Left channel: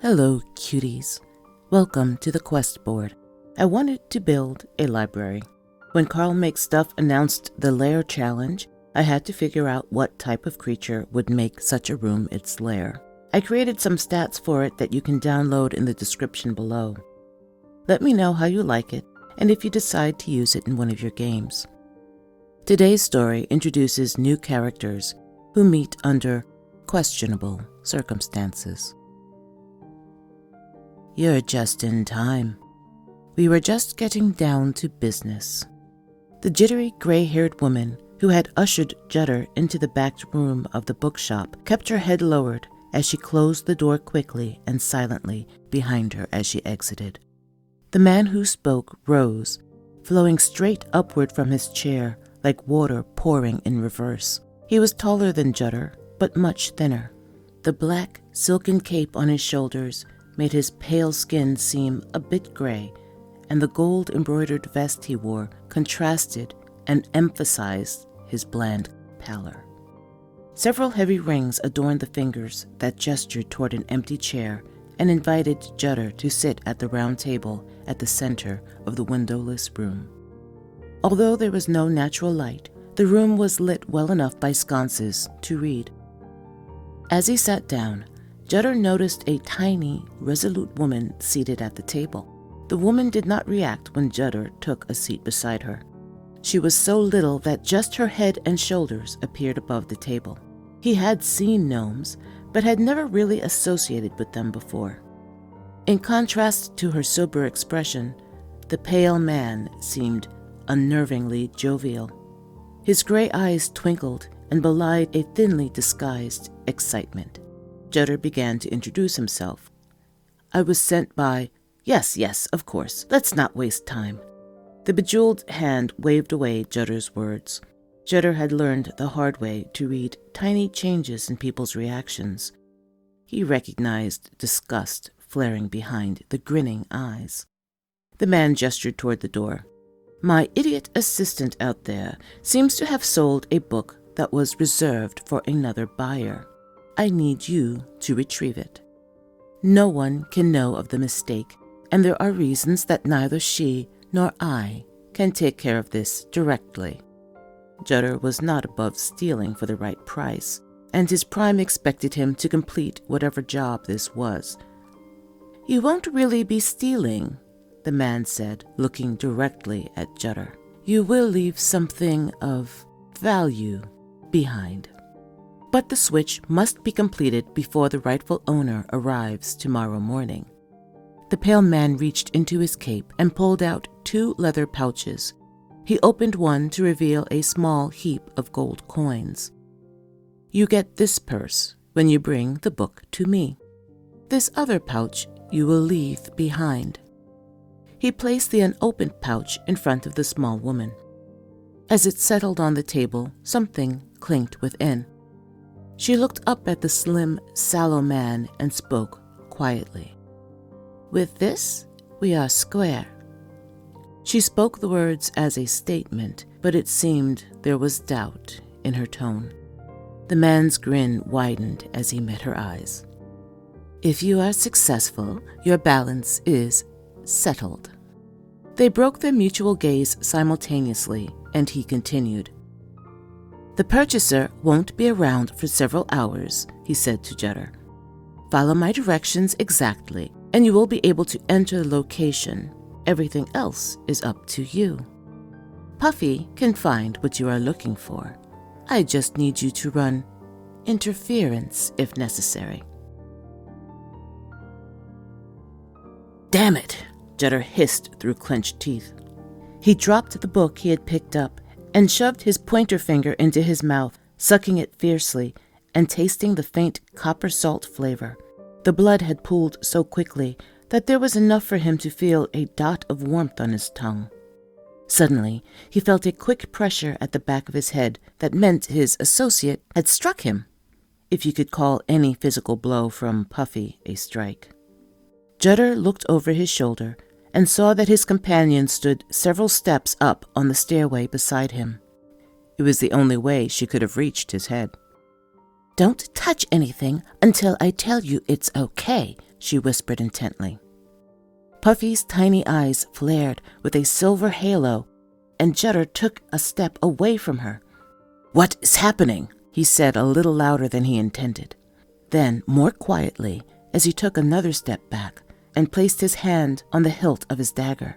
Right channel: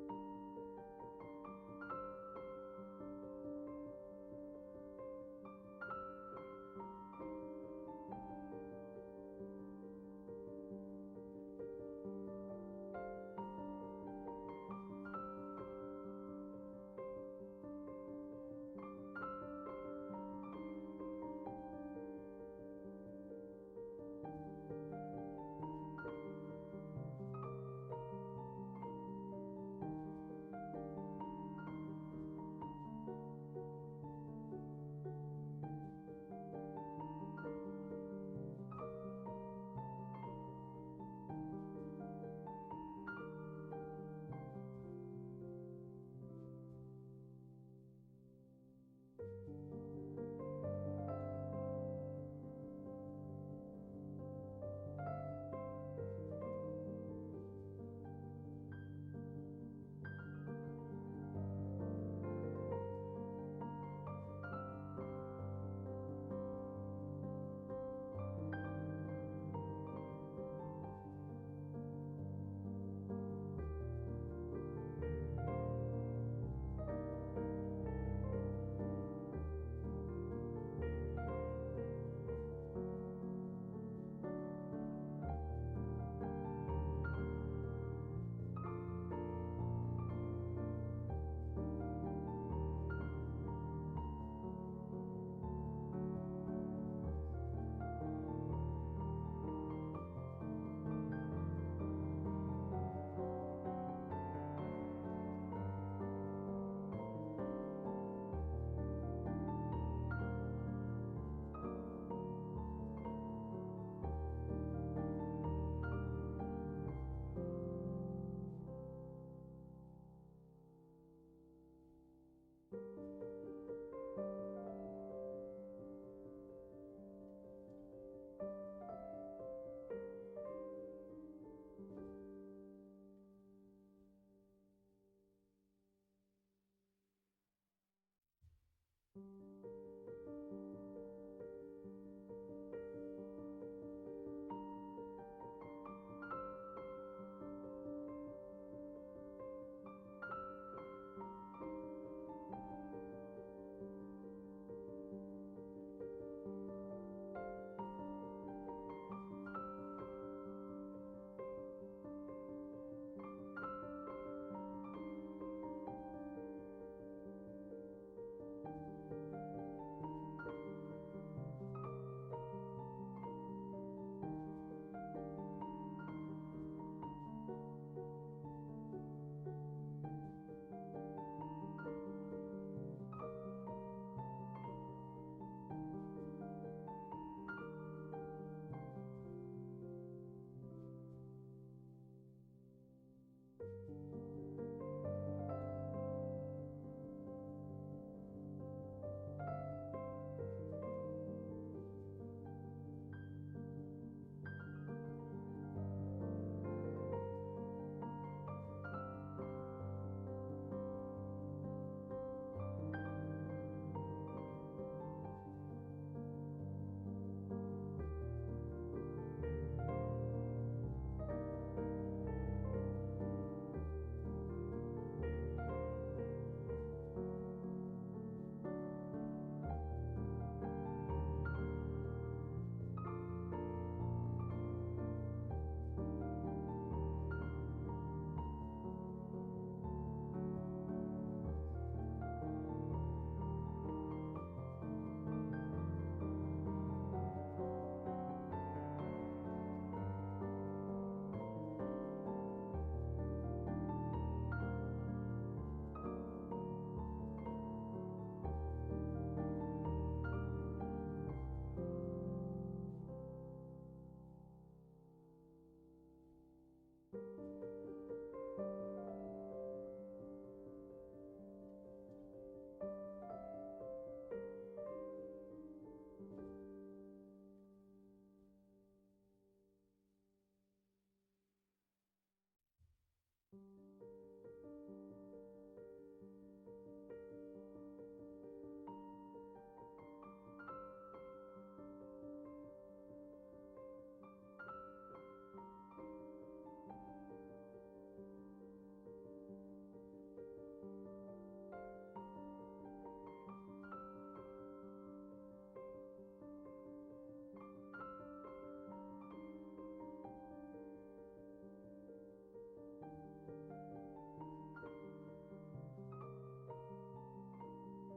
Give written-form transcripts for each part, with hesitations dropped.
Hello, cuties. Welcome to the quest board. I wanted to build a library. When Karl Makes Stuff announced the Lair challenge, I had to figure out what type of creature would make such a room its lair. I created some stats for it that you can download in the description below. Let me know how you like it and if you decide to use it in one of your games. Today's story introduces new characters who meet under questionable circumstances. You're just in time. We were just getting down to business. The jittery, gray-haired woman who had ushered Judder into the back room of the bookshop kept her head lowered as she closed the door quickly and silently behind her as she exited. The man who spoke rose, flowing straight upward from his chair like water pouring in reverse. He was taller than Judder, but much thinner. The black, silken cape on his shoulders made his pale skin seem a bit gray, and the gold-embroidered vest he wore contrasted and emphasized his bland pallor. Several heavy rings adorned the fingers that gestured toward an empty chair and invited Judder to sit at the round table at the center of the windowless room. Although there was no natural light, the room was lit well enough by sconces to read. As he sat down, Judder noticed a tiny, resolute woman seated at the table. The woman did not react when Judder took a seat beside her. She was so little that just her head and shoulders appeared above the table. He had seen gnomes, but had never really associated with them before. In contrast to her sober expression, the pale man seemed unnervingly jovial. His gray eyes twinkled and belied a thinly disguised excitement. Judder began to introduce himself. I was sent by... Yes, of course. Let's not waste time. The bejeweled hand waved away Judder's words. Judder had learned the hard way to read tiny changes in people's reactions. He recognized disgust flaring behind the grinning eyes. The man gestured toward the door. My idiot assistant out there seems to have sold a book that was reserved for another buyer. I need you to retrieve it. No one can know of the mistake, and there are reasons that neither she nor I can take care of this directly. Judder was not above stealing for the right price, and his prime expected him to complete whatever job this was. You won't really be stealing, the man said, looking directly at Judder. You will leave something of value behind. But the switch must be completed before the rightful owner arrives tomorrow morning. The pale man reached into his cape and pulled out 2 leather pouches. He opened one to reveal a small heap of gold coins. You get this purse when you bring the book to me. This other pouch you will leave behind. He placed the unopened pouch in front of the small woman. As it settled on the table, something clinked within. She looked up at the slim, sallow man and spoke quietly. With this, we are square. She spoke the words as a statement, but it seemed there was doubt in her tone. The man's grin widened as he met her eyes. If you are successful, your balance is settled. They broke their mutual gaze simultaneously, and he continued. The purchaser won't be around for several hours, he said to Judder. Follow my directions exactly, and you will be able to enter the location. Everything else is up to you. Puffy can find what you are looking for. I just need you to run interference if necessary. Damn it, Judder hissed through clenched teeth. He dropped the book he had picked up and shoved his pointer finger into his mouth, sucking it fiercely and tasting the faint copper salt flavor. The blood had pooled so quickly that there was enough for him to feel a dot of warmth on his tongue. Suddenly, he felt a quick pressure at the back of his head that meant his associate had struck him, if you could call any physical blow from Puffy a strike. Judder looked over his shoulder and saw that his companion stood several steps up on the stairway beside him. It was the only way she could have reached his head. Don't touch anything until I tell you it's okay, she whispered intently. Puffy's tiny eyes flared with a silver halo, and Judder took a step away from her. "What is happening?" he said a little louder than he intended. Then, more quietly, as he took another step back and placed his hand on the hilt of his dagger.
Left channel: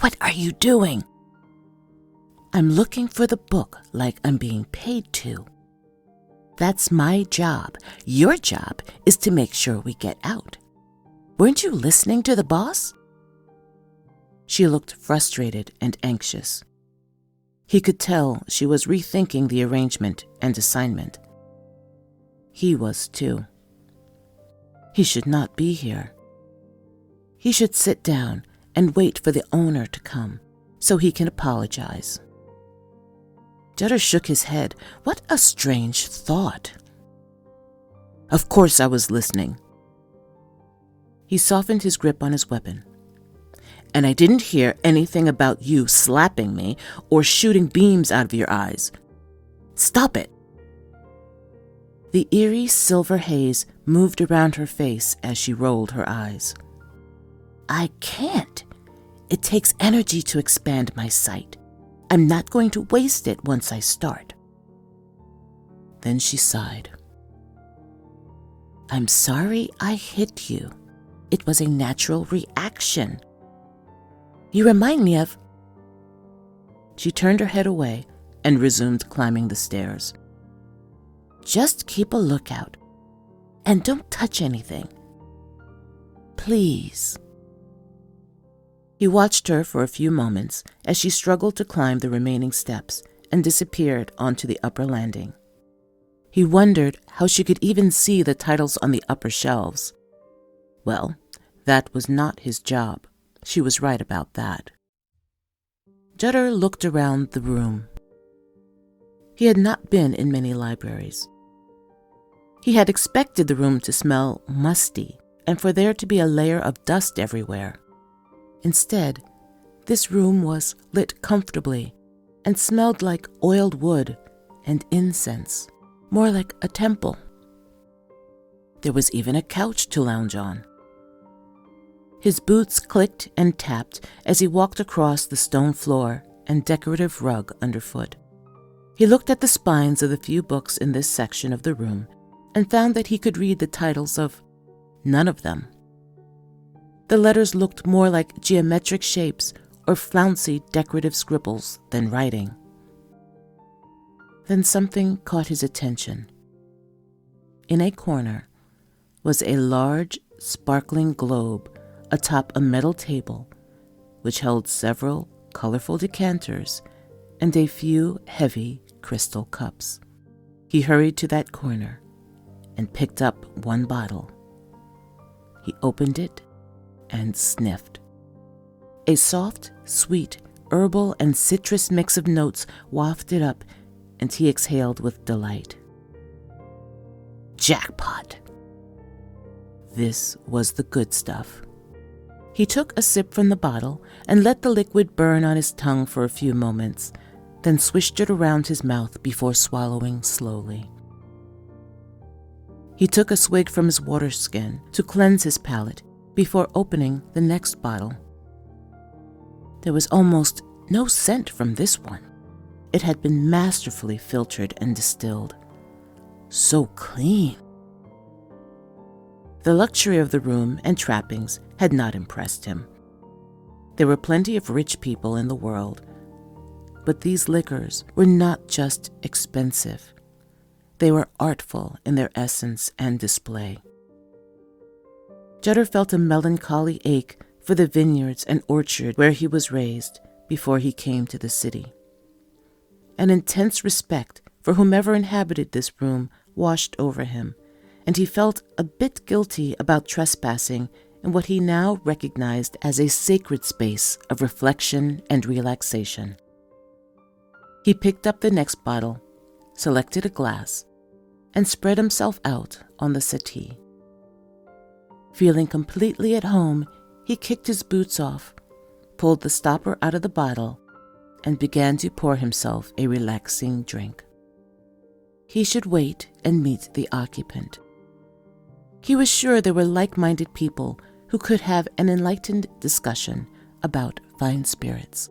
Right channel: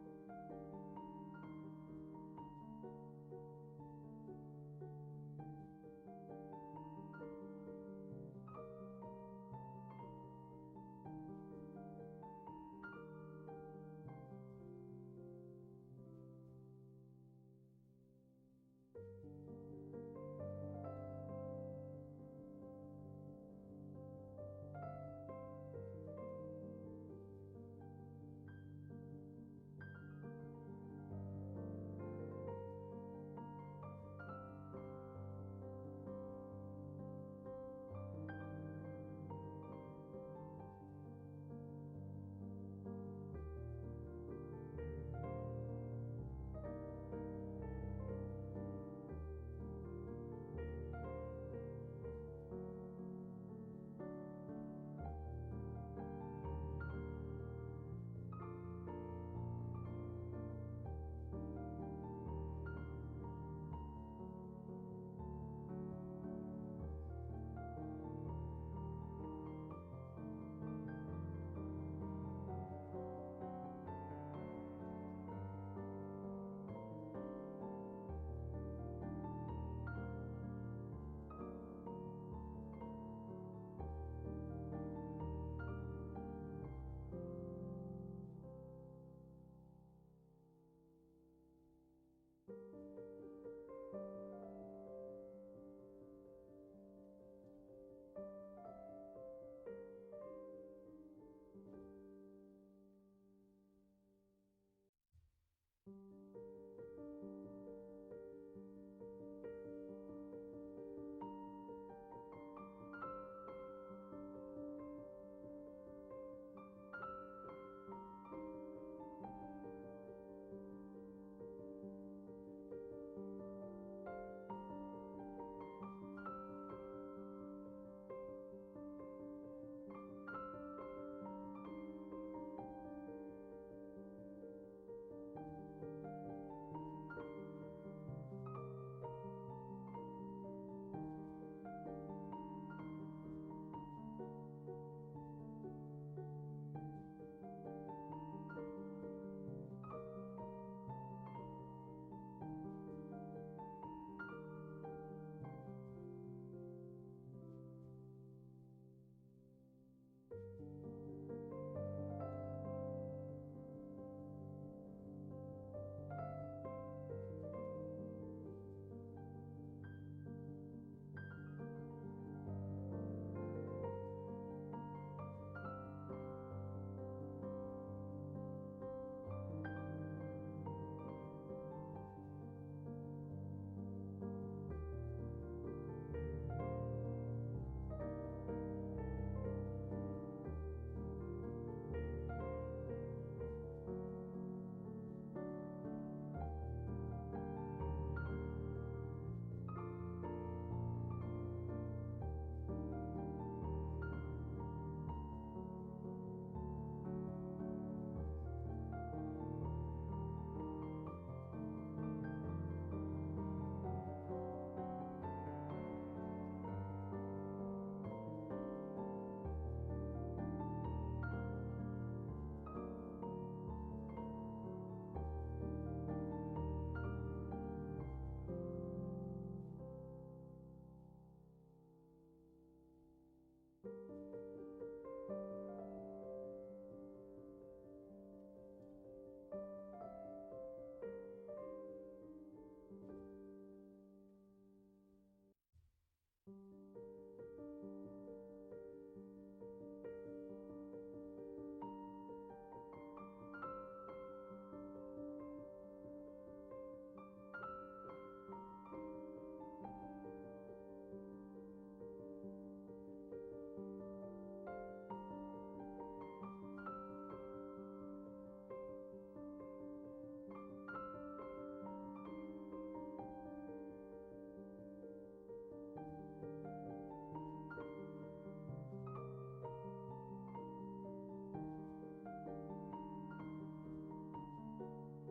"What are you doing?" "I'm looking for the book like I'm being paid to. That's my job. Your job is to make sure we get out. Weren't you listening to the boss?" She looked frustrated and anxious. He could tell she was rethinking the arrangement and assignment. He was too. He should not be here. He should sit down and wait for the owner to come so he can apologize. Judder shook his head. What a strange thought. "Of course I was listening." He softened his grip on his weapon. "And I didn't hear anything about you slapping me or shooting beams out of your eyes. Stop it." The eerie silver haze moved around her face as she rolled her eyes. "I can't. It takes energy to expand my sight. I'm not going to waste it once I start." Then she sighed. "I'm sorry I hit you. It was a natural reaction. You remind me of..." She turned her head away and resumed climbing the stairs. "Just keep a lookout. And don't touch anything. Please." He watched her for a few moments as she struggled to climb the remaining steps and disappeared onto the upper landing. He wondered how she could even see the titles on the upper shelves. Well, that was not his job. She was right about that. Judder looked around the room. He had not been in many libraries. He had expected the room to smell musty and for there to be a layer of dust everywhere. Instead, this room was lit comfortably and smelled like oiled wood and incense, more like a temple. There was even a couch to lounge on. His boots clicked and tapped as he walked across the stone floor and decorative rug underfoot. He looked at the spines of the few books in this section of the room and found that he could read the titles of none of them. The letters looked more like geometric shapes or flouncy decorative scribbles than writing. Then something caught his attention. In a corner was a large, sparkling globe atop a metal table, which held several colorful decanters and a few heavy crystal cups. He hurried to that corner and picked up one bottle. He opened it and sniffed. A soft, sweet, herbal and citrus mix of notes wafted up, and he exhaled with delight. Jackpot! This was the good stuff. He took a sip from the bottle and let the liquid burn on his tongue for a few moments, then swished it around his mouth before swallowing slowly. He took a swig from his water skin to cleanse his palate before opening the next bottle. There was almost no scent from this one. It had been masterfully filtered and distilled. So clean. The luxury of the room and trappings had not impressed him. There were plenty of rich people in the world, but these liquors were not just expensive. They were artful in their essence and display. Judder felt a melancholy ache for the vineyards and orchard where he was raised before he came to the city. An intense respect for whomever inhabited this room washed over him, and he felt a bit guilty about trespassing in what he now recognized as a sacred space of reflection and relaxation. He picked up the next bottle, selected a glass, and spread himself out on the settee. Feeling completely at home, he kicked his boots off, pulled the stopper out of the bottle, and began to pour himself a relaxing drink. He should wait and meet the occupant. He was sure there were like-minded people who could have an enlightened discussion about fine spirits.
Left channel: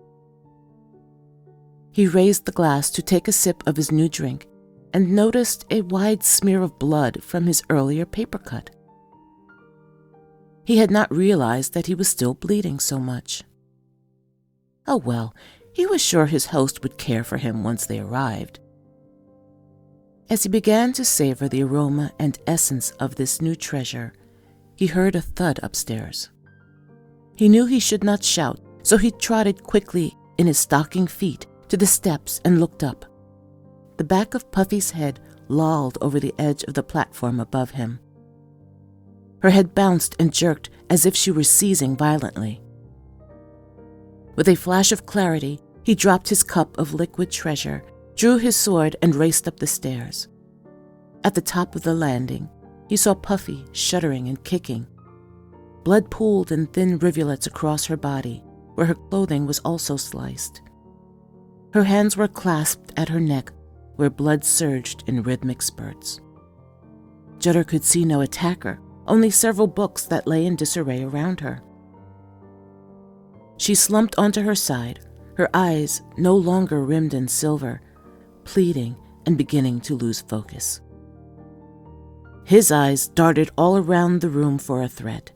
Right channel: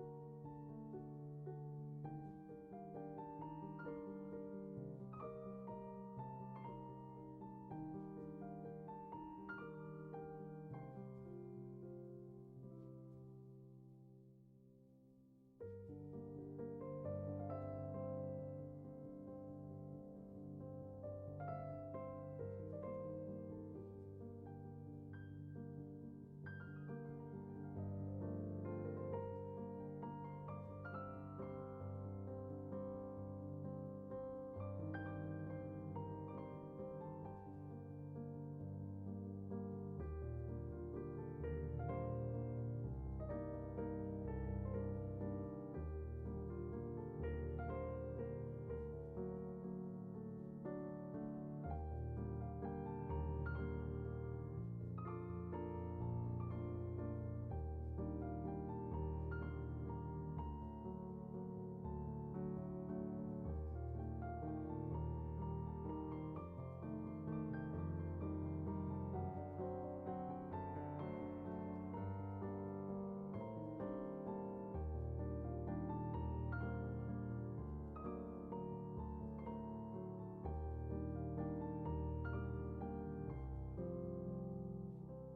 He raised the glass to take a sip of his new drink and noticed a wide smear of blood from his earlier paper cut. He had not realized that he was still bleeding so much. Oh well, he was sure his host would care for him once they arrived. As he began to savor the aroma and essence of this new treasure, he heard a thud upstairs. He knew he should not shout, so he trotted quickly in his stocking feet to the steps and looked up. The back of Puffy's head lolled over the edge of the platform above him. Her head bounced and jerked as if she were seizing violently. With a flash of clarity, he dropped his cup of liquid treasure, drew his sword, and raced up the stairs. At the top of the landing, he saw Puffy shuddering and kicking. Blood pooled in thin rivulets across her body, where her clothing was also sliced. Her hands were clasped at her neck, where blood surged in rhythmic spurts. Judder could see no attacker, only several books that lay in disarray around her. She slumped onto her side, her eyes no longer rimmed in silver, pleading and beginning to lose focus. His eyes darted all around the room for a threat.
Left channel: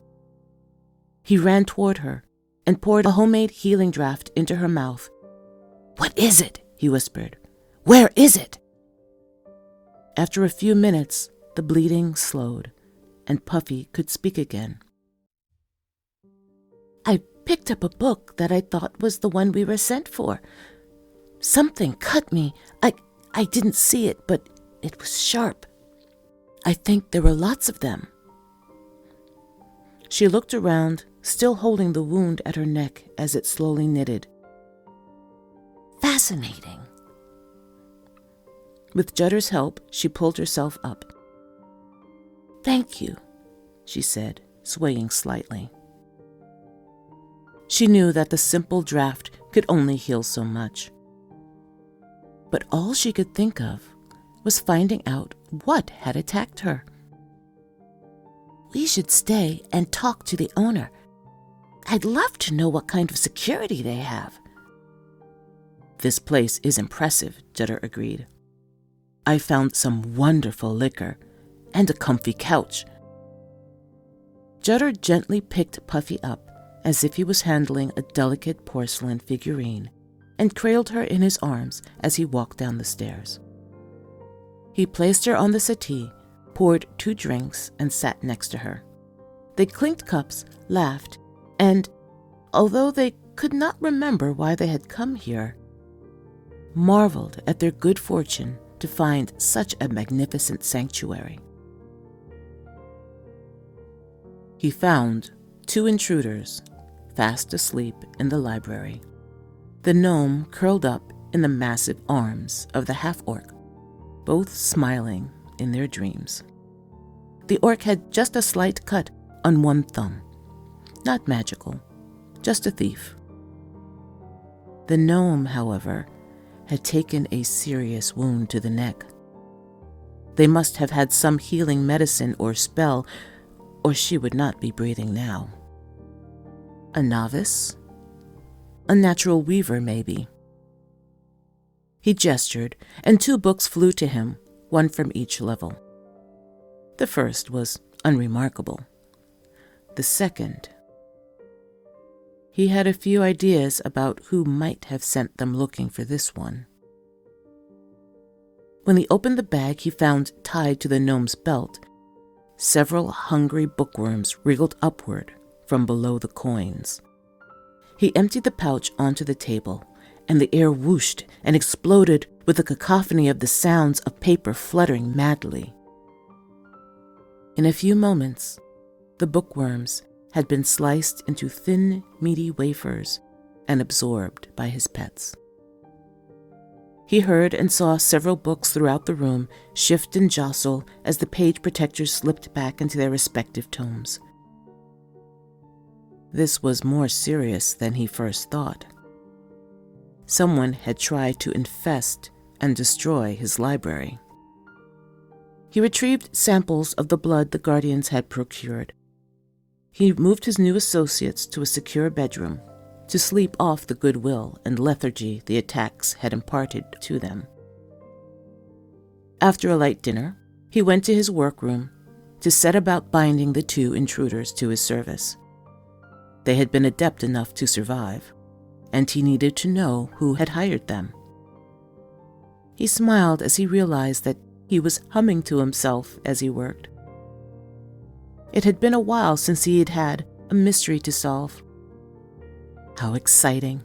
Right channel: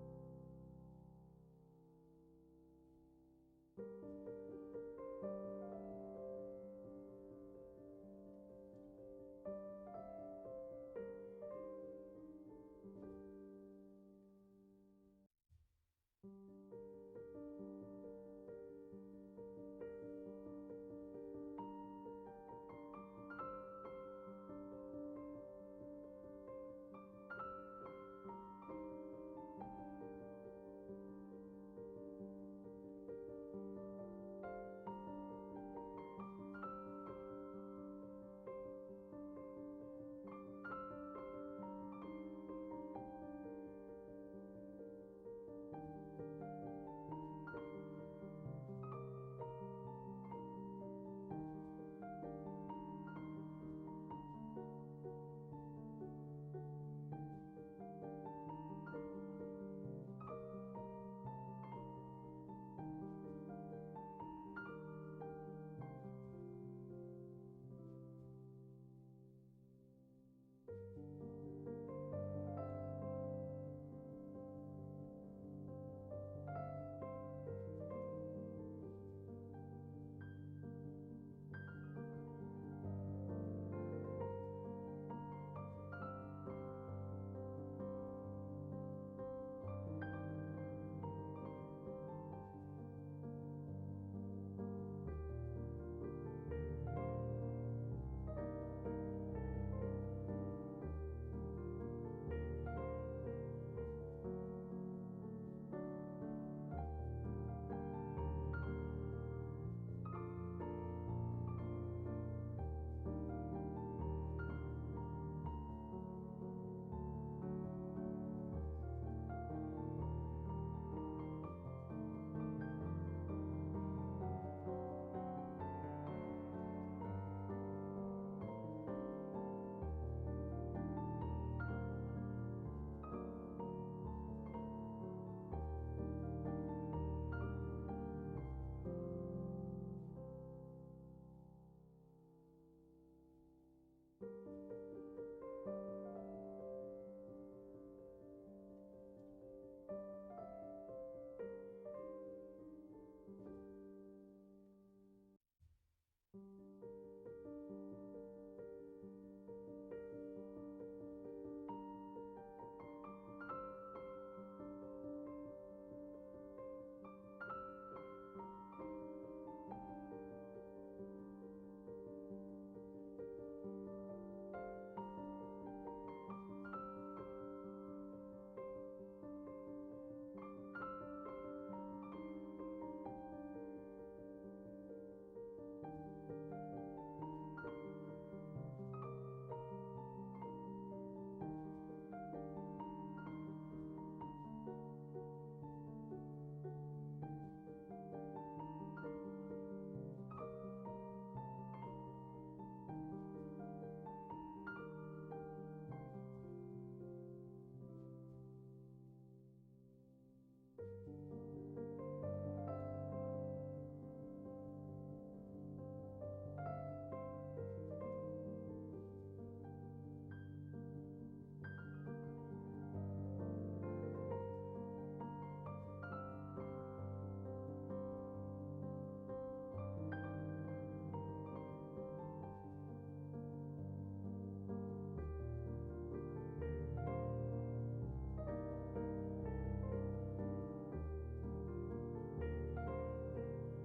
He ran toward her and poured a homemade healing draught into her mouth. "What is it?" he whispered. "Where is it?" After a few minutes, the bleeding slowed, and Puffy could speak again. "I picked up a book that I thought was the one we were sent for. Something cut me. I didn't see it, but it was sharp. I think there were lots of them." She looked around, still holding the wound at her neck as it slowly knitted. "Fascinating." With Judder's help, she pulled herself up. "Thank you," she said, swaying slightly. She knew that the simple draught could only heal so much. But all she could think of was finding out what had attacked her. "We should stay and talk to the owner. I'd love to know what kind of security they have." "This place is impressive," Judder agreed. "I found some wonderful liquor and a comfy couch." Judder gently picked Puffy up as if he was handling a delicate porcelain figurine and cradled her in his arms as he walked down the stairs. He placed her on the settee, poured 2 drinks, and sat next to her. They clinked cups, laughed, and, although they could not remember why they had come here, marveled at their good fortune to find such a magnificent sanctuary. He found 2 intruders, fast asleep in the library. The gnome curled up in the massive arms of the half-orc, both smiling in their dreams. The orc had just a slight cut on one thumb. Not magical, just a thief. The gnome, however, had taken a serious wound to the neck. They must have had some healing medicine or spell, or she would not be breathing now. A novice? A natural weaver, maybe. He gestured, and 2 books flew to him, one from each level. The first was unremarkable. The second... He had a few ideas about who might have sent them looking for this one. When he opened the bag, he found tied to the gnome's belt several hungry bookworms wriggled upward from below the coins. He emptied the pouch onto the table, and the air whooshed and exploded with a cacophony of the sounds of paper fluttering madly. In a few moments, the bookworms had been sliced into thin, meaty wafers and absorbed by his pets. He heard and saw several books throughout the room shift and jostle as the page protectors slipped back into their respective tomes. This was more serious than he first thought. Someone had tried to infest and destroy his library. He retrieved samples of the blood the guardians had procured. He moved his new associates to a secure bedroom to sleep off the goodwill and lethargy the attacks had imparted to them. After a light dinner, he went to his workroom to set about binding the two intruders to his service. They had been adept enough to survive, and he needed to know who had hired them. He smiled as he realized that he was humming to himself as he worked. It had been a while since he had had a mystery to solve. How exciting